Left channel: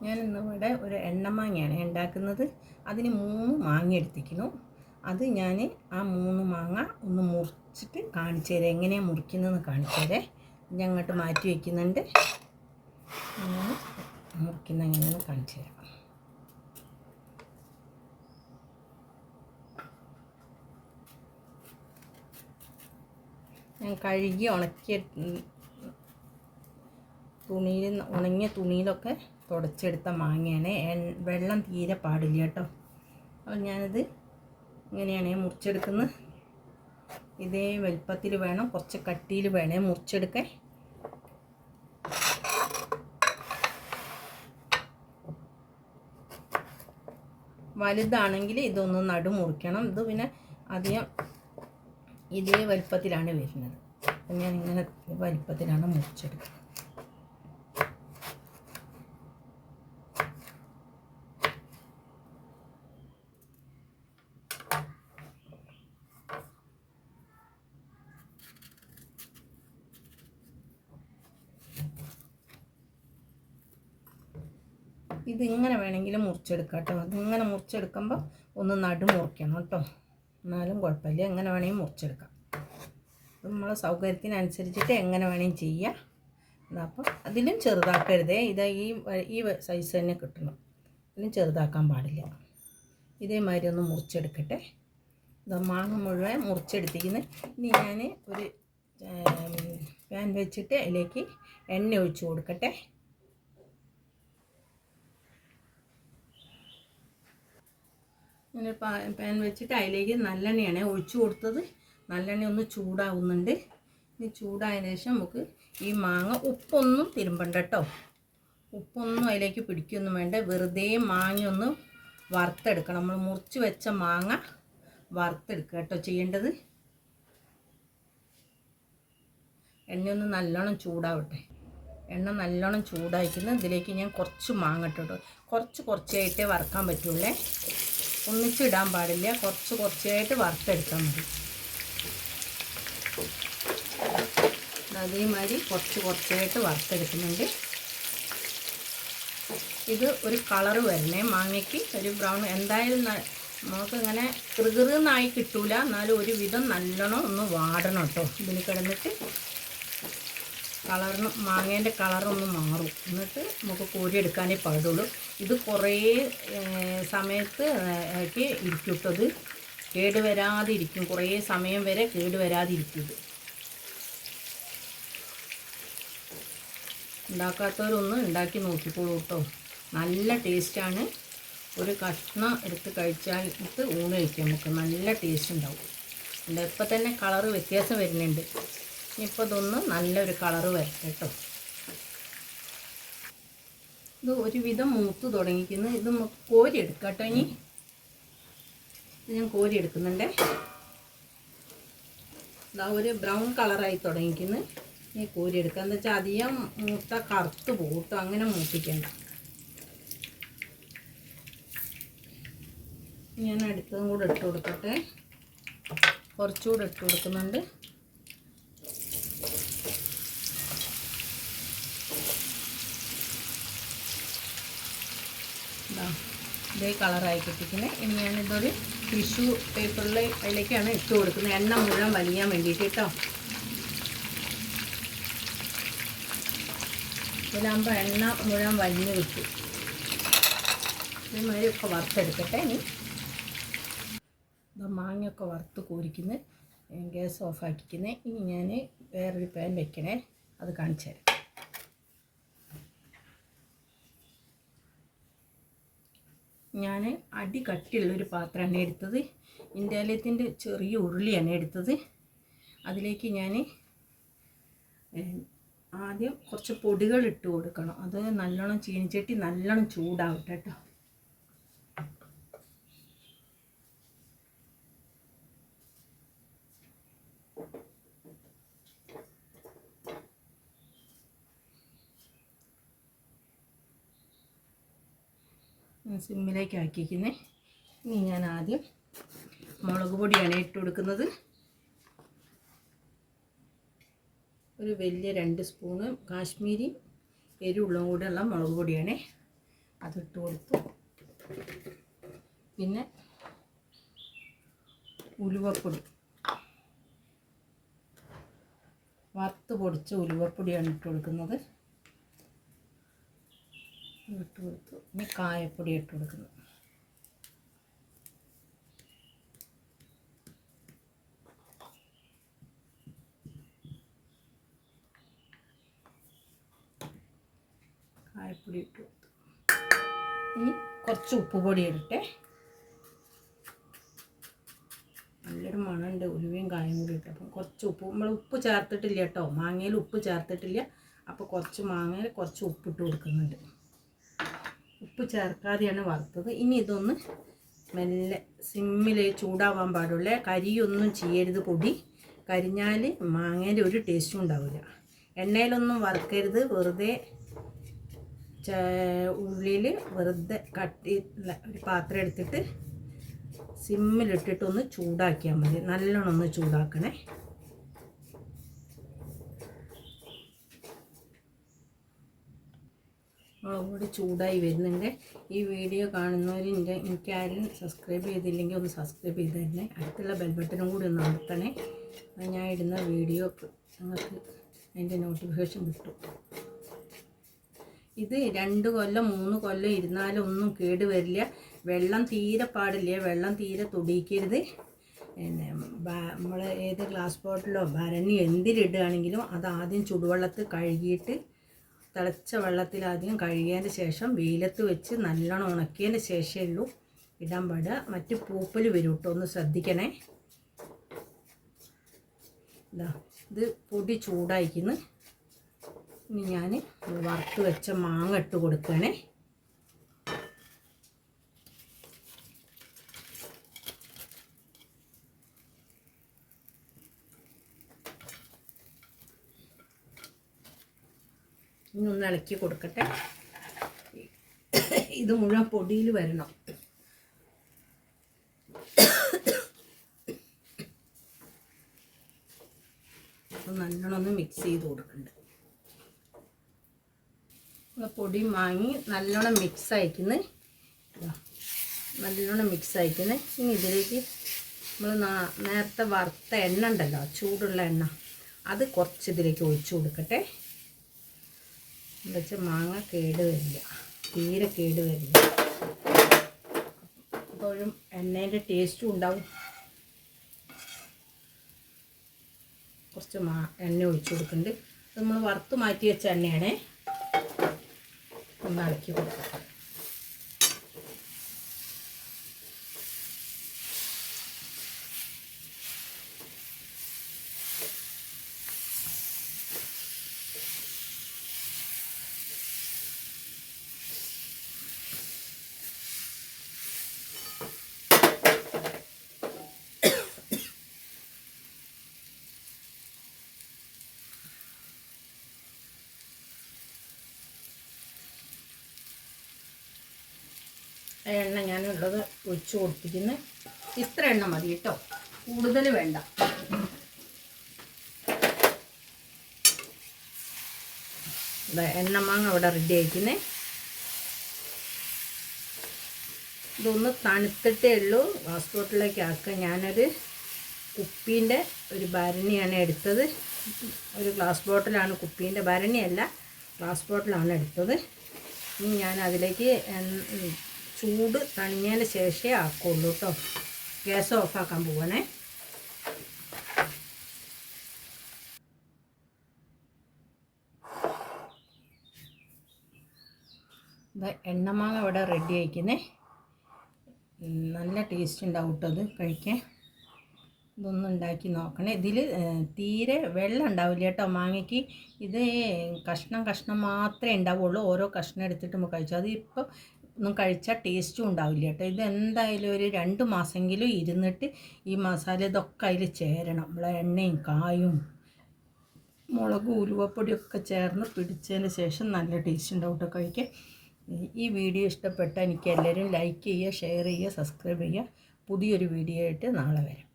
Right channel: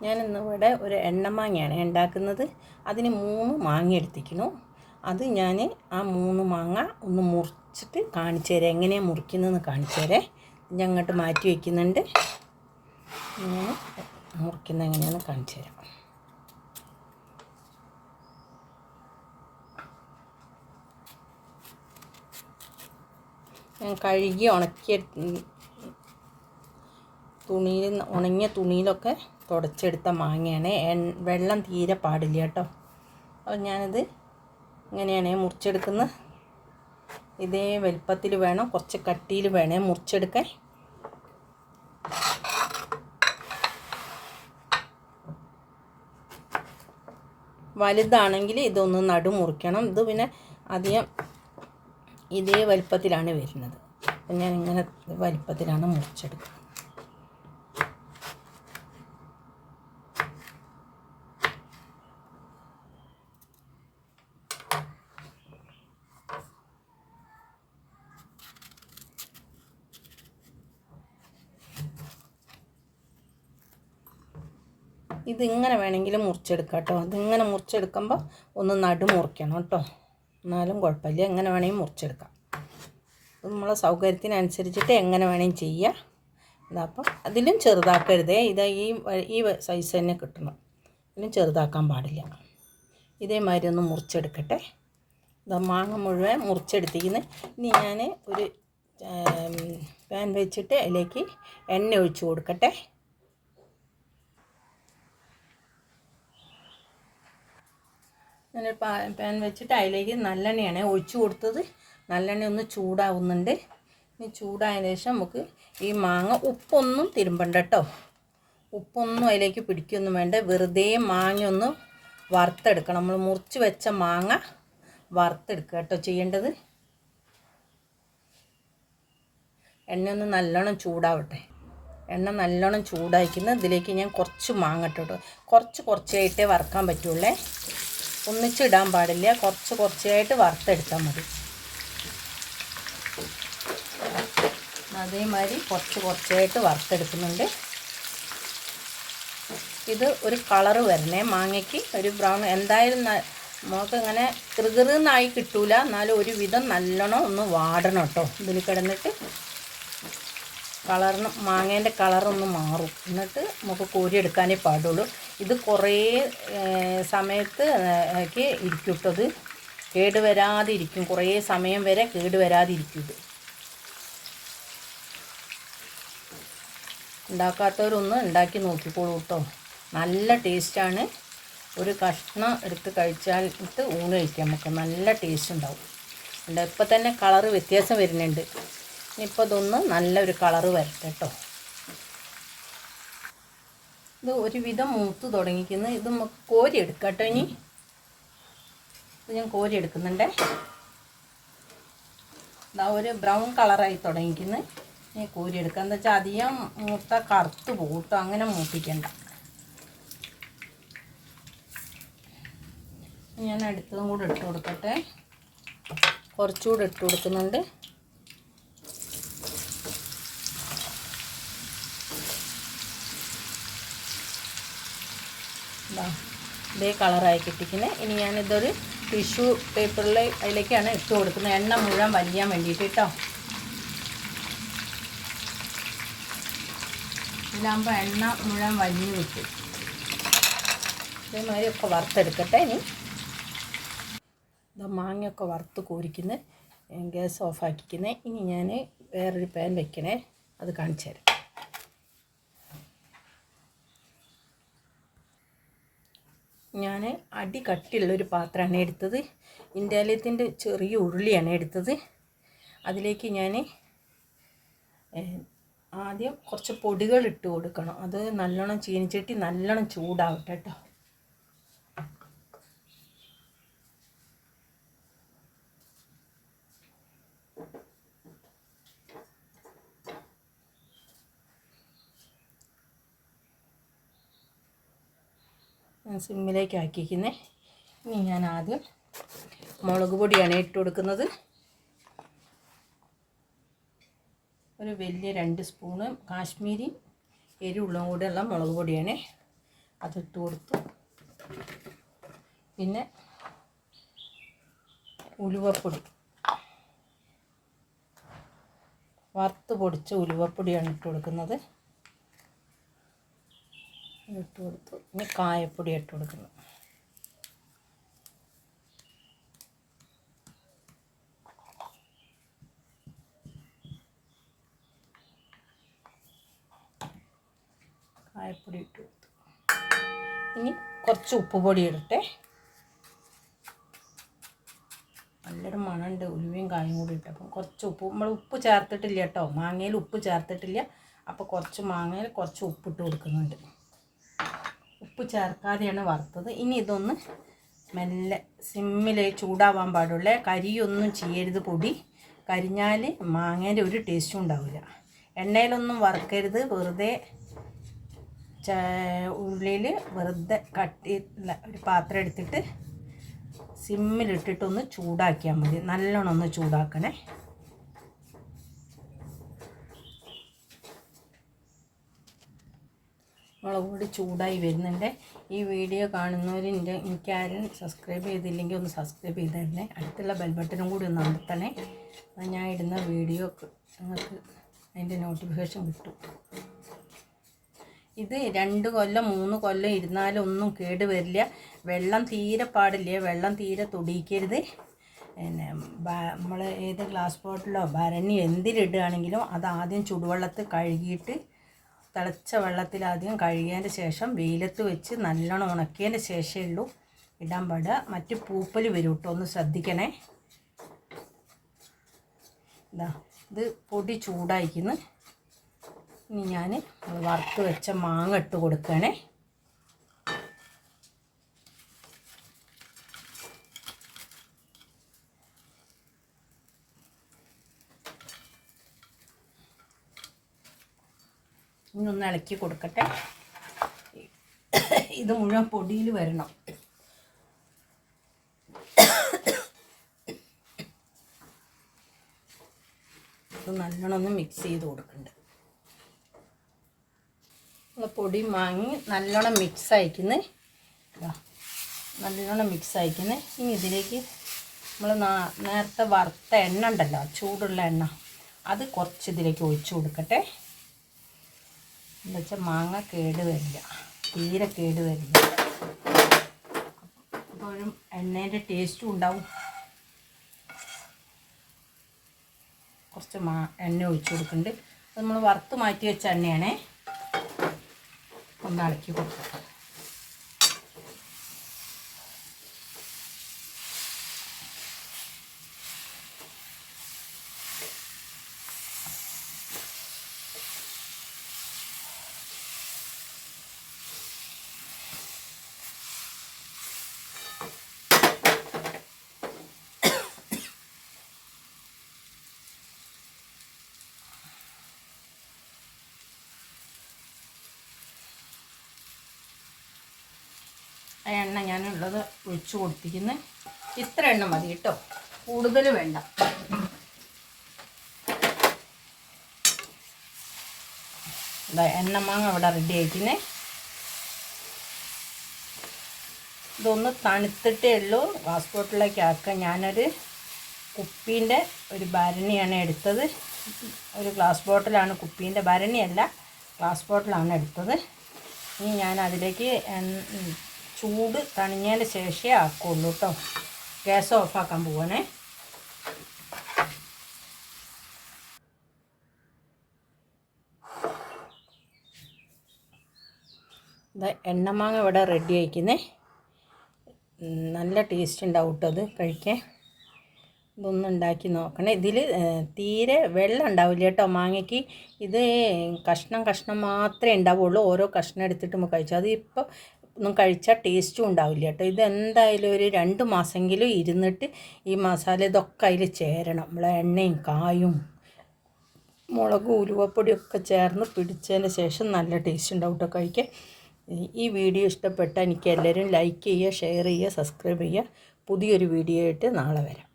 ഞാൻ ഇന്നിവിടെ ഒരു എണ്ണമാങ്ങയാണ് ഉണ്ടാക്കുന്നത് അതിന് മൂന്ന് മാങ്ങ എടുത്തിരിക്കുന്നു അത് ഞാൻ ആ മൂന്ന് മാങ്ങ ഒന്ന് മുറിച്ചിട്ട് കാണിച്ചു തരാം എങ്ങനെയാണ് മുറിക്കുന്നതെന്ന് കാണിച്ചു തരാം ഞാൻ അങ്ങോട്ട് മാറ്റി വയ്ക്കുന്നുണ്ട് ഞാൻ മുറിക്കുന്നത് എങ്ങനെയാണെന്ന് കാണിച്ചു തരാം ഞാൻ കഴുകി ഉണക്കിയ തുണിയിൽ ഉണങ്ങിയ തുണിയിലൊക്കെ തുടച്ചെടുത്ത മാങ്ങയാണ്. വെള്ളം തീരെ പാടില്ല കേട്ടോ. അപ്പോൾ ഞാനിത് ഇങ്ങനെയാണ് മുറിച്ചെടുക്കുന്നത്. ഇതേ വലിപ്പത്തിൽ വേണം കുറച്ച് കട്ടിയിൽ വേണേ മുറിച്ചെടുക്കാൻ. വലുതാണെങ്കിൽ ഇതൊന്ന് നടു മുറിക്കണം. ഇത് പിന്നെ അധികം ഇതേ വലിപ്പത്തിലാണ് വരുന്നത്. ഞാൻ ഇങ്ങനെ വലിപ്പത്തിലാണ് മുറിച്ചെടുക്കുന്നത്. ഇതിങ്ങനെ വേണമെങ്കിൽ മുറിച്ചെടുക്കാം കേട്ടോ ഇതിങ്ങനെ മുറിച്ചെടുക്കുമ്പോൾ ഒന്ന് നടു മുറിക്കണം കേട്ടോ. എന്നാലും കുഴപ്പമില്ല. എങ്ങനെ വേണമെങ്കിൽ മുറിച്ചെടുക്കാം. നമ്മളെ സൗകര്യത്തിനനുസരിച്ചിട്ട് എങ്ങനെ വേണമെങ്കിൽ ചെയ്യാം. അപ്പോൾ അതിലും ചെറുതാക്കരുതേ. ഇത് ഈ ഈ സൈസ് തന്നെ കിട്ടണം. ഇതിലും ചെറുതാക്കാൻ പാടില്ല. ഇതേമാതിരി ഒന്ന് മുറിച്ചെടുക്കട്ടെ. ഇത് മാങ്ങ മുഴുവൻ മുറിച്ചെടുത്തിരിക്കുന്നത് ഇനി ഞാൻ ഒരു പാൻ വെച്ചിട്ട് അതിലേക്ക് എണ്ണ ഒഴിച്ച് കൊടുക്കട്ടെ. ഞാനൊരു പാൻ വെച്ചിട്ട് അതിലേക്ക് നല്ലെണ്ണയാണ് ഒഴിച്ചു കൊടുത്തത്. നല്ലെണ്ണ ഒന്ന് ചൂടാവുന്നുണ്ട്. ഇനി ചൂടായതിനു ശേഷം നമുക്ക് ഈ മാങ്ങ ഉപ്പൊന്നും തിരുമ്പണ്ട കേട്ടോ. ഉപ്പൊന്നും അതിലേക്ക് പിടിക്കൊന്നും വേണ്ട. വെറുതെ മാങ്ങ ഒന്ന് വറുത്തെടുക്കണം. നമ്മൾ മുറിച്ച് വെച്ച മാങ്ങ വറുത്തെടുക്കുക കേട്ടോ ചെയ്യേണ്ടത്. എണ്ണയൊന്ന് നല്ലോണം ചൂടാവട്ടെ. എണ്ണ നല്ലോണം ചൂടാക്കുന്നത് ഇതിലേക്ക് ഞാൻ കുറച്ച് മാങ്ങ ഇട്ടിട്ടു. കുറച്ച് കുറച്ചായിട്ടേ വറുക്കാൻ പറ്റുള്ളേ. ഒന്നിച്ചിടാൻ പാടില്ല. കുറച്ച് കുറച്ചായിട്ട് വറുത്തെടുത്താൽ മതി. അതേമാതിരി കുറച്ച് കുറച്ചായിട്ട് വറുത്തെടുക്കുന്നുണ്ട്. ഇത് ഒരു കളറ് വരണേ. മാങ്ങയ്ക്ക് ഒരു ബ്രൗൺ എന്തായാലും നമുക്ക് ഇങ്ങനെ കൃകൃന്നായി കിട്ടൂല. എന്നാലും ഒരു വിധം നല്ലോണം ഒന്ന് വാടണം കേട്ടോ. ഇതിൽ കിടന്നിട്ട് കളറിന് മാങ്ങേന്റെ കളറൊന്ന് മാറും. എന്നിട്ട് നമുക്ക് കോരിയെടുക്കാനേ പാടുള്ളൂ. ഇത് കുറേ സമയത്ത് ഒക്കെ ഇരിക്കും ഇപ്പോൾ ഇത്. കേടുവരാതെ ഇരിക്കും കുറേ സമയം വരെ കേടുവരാതെ ഇരിക്കും ഇത്. ഉണ്ടാക്കാത്തവരൊന്ന് ഉണ്ടാക്കി നോക്കിക്കോളൂ കേട്ടോ. നല്ല ടേസ്റ്റാണ്. ഒരു കഷ്ണം എടുത്ത് കഴിച്ചാൽ ഇട്ട് ഊണ് കഴിക്കാം നമുക്ക്. നല്ല ടേസ്റ്റ് ഉണ്ടാവും. ഉണ്ട് ഇപ്പം തന്നെ കളറ് വ്യത്യാസം വരുന്നുണ്ട്. ഇനിയിപ്പോൾ ഇതൊന്ന് നല്ലൊരു കളറ് വരട്ടെ കേട്ടോ. ഇത് ഒരുവിധം മൂത്ത് തുടങ്ങിക്കുന്നു. ഇത് നമുക്ക് കോരി എടുക്കാം കേട്ടോ ഇനി. ഇത് ഞാൻ കോരി എടുക്കുന്നുണ്ടേ ഇതാ ഒരു ബ്രൗൺ കളറായി തുടങ്ങിക്കുന്നു. ഇനി കോരി എടുക്കുക എന്താ വെച്ചാൽ അധികം മൂത്ത കറുത്ത് പോകട്ടോ. അങ്ങനെ മൂപ്പിക്കണ്ട. ഞാൻ അടുത്തതും കൂടെ ഇട്ട് കൊടുക്കട്ടെ. കുറച്ചുകൂടെ ഇട്ട് കൊടുക്കുന്നുണ്ട്. ഇതേ കളറായി കിട്ടിക്കുന്നത് ഇനി ഞാനിതൊരു ടിഷ്യൂ പേപ്പറിൽ അതിലേക്കാണ് ഇട്ട് കൊടുക്കുന്നത്. എണ്ണ മുഴുവൻ വലിയാൻ വേണ്ടിയിട്ട് കേട്ടോ. ഇതിലാകുമ്പോൾ എണ്ണ മുഴുവൻ വലിഞ്ഞു കിട്ടും. ഇതേമാതിരി ഒക്കെ വറുത്തെടുക്കട്ടെ ഇനി. ഇത് മാങ്ങയൊക്കെ വറുത്ത് കോരിക്കുന്നത് ഗ്യാസ് ഓഫാക്കിക്കുന്നത് ഇനി ഞാൻ വേറൊരു പാൻ വെക്കണേ. അത് കാണിച്ചു തരാം ഞാൻ അടി കട്ടിയുള്ളൊരു പാത്രമാണ് എടുത്തത്. ഇൻഡാലിയത്തിന്റെ ചെറിയ ഉരുളിയാണ് എടുത്തത്. അതിലേക്ക് ഞാൻ ആദ്യം കുറച്ച് പൊടികൾ ഇട്ട് കൊടുക്കണം. അത് നല്ലോണം ചീനിച്ചട്ടി നല്ലോണം ചൂടാവട്ടെ കേട്ടോ സിമ്മിലേക്ക് ആക്കിയിരിക്കുന്നത് ഇനി ഞാൻ ആദ്യം മുളക് പൊടിയാണ് ഇട്ട് കൊടുക്കുന്നത്. ഒരു വലിയ രണ്ട് സ്പൂണ് കാശ്മീരി എരിവുള്ള കൂടെയുള്ള മുളക് പൊടിയാണ് അതിട്ട് കൊടുത്തു. പിന്നെ ഉലുവപ്പൊടി. വറുത്ത് പൊടിച്ച ഉലുവപ്പൊടിയാണ് ഇട്ട് കൊടുക്കുന്നത്. ഇട്ട് കൊടുത്തു. ഇനി കായപ്പൊടി ഇട്ട് കൊടുക്കുന്നു. കായപ്പൊടി ഇട്ട് കൊടുത്തു. ഇനി കുറച്ച് ഉപ്പുപൊടി ഇടട്ടെ. നല്ലൊരു മണമുണ്ട്. ഉലുവയും കായും കൂടി ഇട്ടപ്പം കുറച്ച് ഉപ്പ്. നമ്മൾ ഉപ്പ് ചേർത്തിട്ടില്ല കേട്ടോ. മാങ്ങയിൽ ഉപ്പ് ചേർത്തിട്ടില്ല. അപ്പോൾ കുറച്ച് മാങ്ങയിൽ കുറച്ച് ഉപ്പിട്ട് കൊടുക്കുന്നുണ്ട്. ഉപ്പ് ചേർക്കാതെയാണ് വറുത്തത്. ഇനി ഇതൊന്ന് മെല്ലെ സിമ്മിൽ ചൂടാവാൻ പാടുള്ള. കരിയൊന്നും ചെയ്യരുത് പൊടി. കരിഞ്ഞാൽ മാങ്ങേന്റെ ഒരു ടേസ്റ്റും ഉണ്ടാവില്ല. എണ്ണയിലൊന്നും വറുക്കരുത്. വെറുതെ ഉള്ളിൽ വെറുതെ കട്ടി ഒരു പാത്രം എടുത്തിട്ട് സിമ്മിലിട്ടിട്ടൊന്ന് ചൂടാക്കിയാൽ മതി. നല്ലോണം ഒന്ന് ചൂടാക്കണേ. മുളക് പൊടി ചൂടായി വരുന്നുണ്ട്. ഈ വീഡിയോ കാണുന്നവർ എനിക്കാരും സബ്സ്ക്രൈബ് ചെയ്തില്ലെങ്കിൽ ഒന്ന് സബ്സ്ക്രൈബ് ചെയ്ത് തന്നെ. അടുത്തുള്ള ബെൽബട്ടനും കൂടി ഒന്ന് അമർത്തണേ. ഞാൻ ഇടുന്ന വീഡിയോ നിങ്ങൾക്ക് അതിന്റെ നോട്ടിഫിക്കേഷൻ കിട്ടും. ഇത് രണ്ട് കൊല്ലം മൂന്ന് കൊല്ലം ഇരുന്നാലും ഒന്നും കേട് വരില്ല. വെള്ളം തീരെ പാടില്ല. വെള്ളം തീരെ തൊടിയിക്കരുത്. പിന്നെ നമ്മൾ ഏത് ഗ്ലാസ് ബോട്ടിലോ ഭരണി എന്തിലിടുകയാണെങ്കിലും അത് ആദ്യം ചുടുവെള്ളത്തിൽ കഴുകിയിട്ട് തിളച്ച വെള്ളത്തിൽ ആദ്യം കഴുകിയതിന് ശേഷം വെയിലത്ത് വെച്ച് നല്ലോണം ഉണക്കിയതിന് ശേഷമേ ഉള്ളൂ. ഇടാൻ പാടുക മറ്റ് പൂപ്പൽ വരും കേട്ടോ ഒന്ന് ശ്രദ്ധിക്കണേ. ഇതാ ഇത് പൊടി ചൂടായിക്കുന്നു. ഇനി ഞാൻ വറുത്ത് വെച്ച മാങ്ങ ഇട്ട് കൊടുക്കണേ. ഇനി ഇളക്കി കൊടുക്കട്ടെ. ഇത് മുഴുവൻ പൊടിയിൽ വരണം. നല്ലോണം ഒന്ന് മിക്സ് ചെയ്ത് കൊടുക്കുന്നുണ്ട് പൊടി വാങ്ങി നല്ലോണം മിക്സ് അയക്കുന്നു നല്ലോണം മിക്സ് അയക്കുന്നു ഇനി ഇതിലേക്ക് നമ്മൾ നേരത്തെ വറുത്ത എണ്ണ ഉണ്ടല്ലോ ചൂടുള്ള എണ്ണ. അത് കുറച്ച് ഇതിലേക്ക് ഒഴിച്ചു കൊടുക്കട്ടെ. എന്താ വെച്ചാൽ മാങ്ങ കേട് വരില്ല. തീരെ കേട് വരില്ല. അപ്പോഴും എണ്ണേന്റെ ടേസ്റ്റും ഉണ്ടാവും. കുറച്ച് മാ എണ്ണ ഒഴിച്ചു കൊടുക്കുന്നുണ്ട്. അത് നമ്മൾ വറുത്ത് മാറ്റി വെച്ച എണ്ണയാണേ. ഒന്ന് ഇളക്കി കൊടുക്കാം. എണ്ണ ഞാനുള്ളത് ഒഴിച്ചു കൊടുത്തിരിക്കുന്നത് ഇത്ര എണ്ണ മതി കേട്ടോ. കൂടുതൽ വേണ്ട. എണ്ണ മാങ്ങ അവിടെ റെഡി ആയിരിക്കുന്നേ ഇതൊന്ന് തണുത്തിട്ടേ ഉള്ളൂ. ഗ്ലാസ് ബോട്ടിലേക്ക് ആക്കുക ഞാനൊരു കുപ്പീന്റെ ഒരു ഭരണിയാണ് എടുത്തത്. ഒരു ഗ്ലാസ് ബോട്ടിലാണ് കുപ്പീന്റെ ഭരണിയല്ല ഗ്ലാസ് ബോട്ടിലാണ് എടുത്തത്. ഇനി ഞാൻ അതിലേക്ക് ചൂട് തണിഞ്ഞതിന് ശേഷമേ ആക്കുള്ളൂ കേട്ടോ ഗ്യാസ് ഓഫാക്കാൻ പോവണേ. എണ്ണമാങ്ങ ഇവിടെ റെഡി ആയിക്കുന്നേ. നല്ല ടേസ്റ്റ് ഉണ്ടാവും കേട്ടോ അത് കഴിക്കാൻ. ഇതൊന്നും ഉണ്ടാക്കി നോക്കണേ. ഇതിൽ തീരെ വെള്ളം ഉണ്ടാവില്ല കേട്ടോ മാങ്ങയ്ക്ക്. ഇത് കഷ്ണം കഷ്ണം മാത്രമേ ഉണ്ടാവുള്ളൂ. ഓരോ കഷ്ണം എടുത്തിട്ട് നമുക്ക് കഴിച്ചു അത് ഇപ്പോൾ ഒന്നും കഴിച്ചാൽ ടേസ്റ്റും ഉണ്ടാവില്ല കേട്ടോ. ഇത് എന്തായാലും ഒരു രണ്ട് മാസമെങ്കിലും ഇരുന്നിട്ട് ഈ മസാല ഇതൊക്കെ അതിൽ ചേരണം. നമ്മളെ എണ്ണയും കായും മുളകും ഉലുവപ്പൊടിയൊക്കെ ചേർന്ന് പിടിച്ചതിന് ശേഷം നല്ല ടേസ്റ്റ് ഉണ്ടാവും കേട്ടോ ഈ വീഡിയോ ഇഷ്ടപ്പെട്ടാൽ എനിക്ക് എല്ലാവരും ലൈക്ക് ചെയ്യുക ഷെയർ ചെയ്യുക സബ്സ്ക്രൈബ് ചെയ്യുക. പുതിയൊരു വീഡിയോ ആയിട്ട് നാളെ വരാം.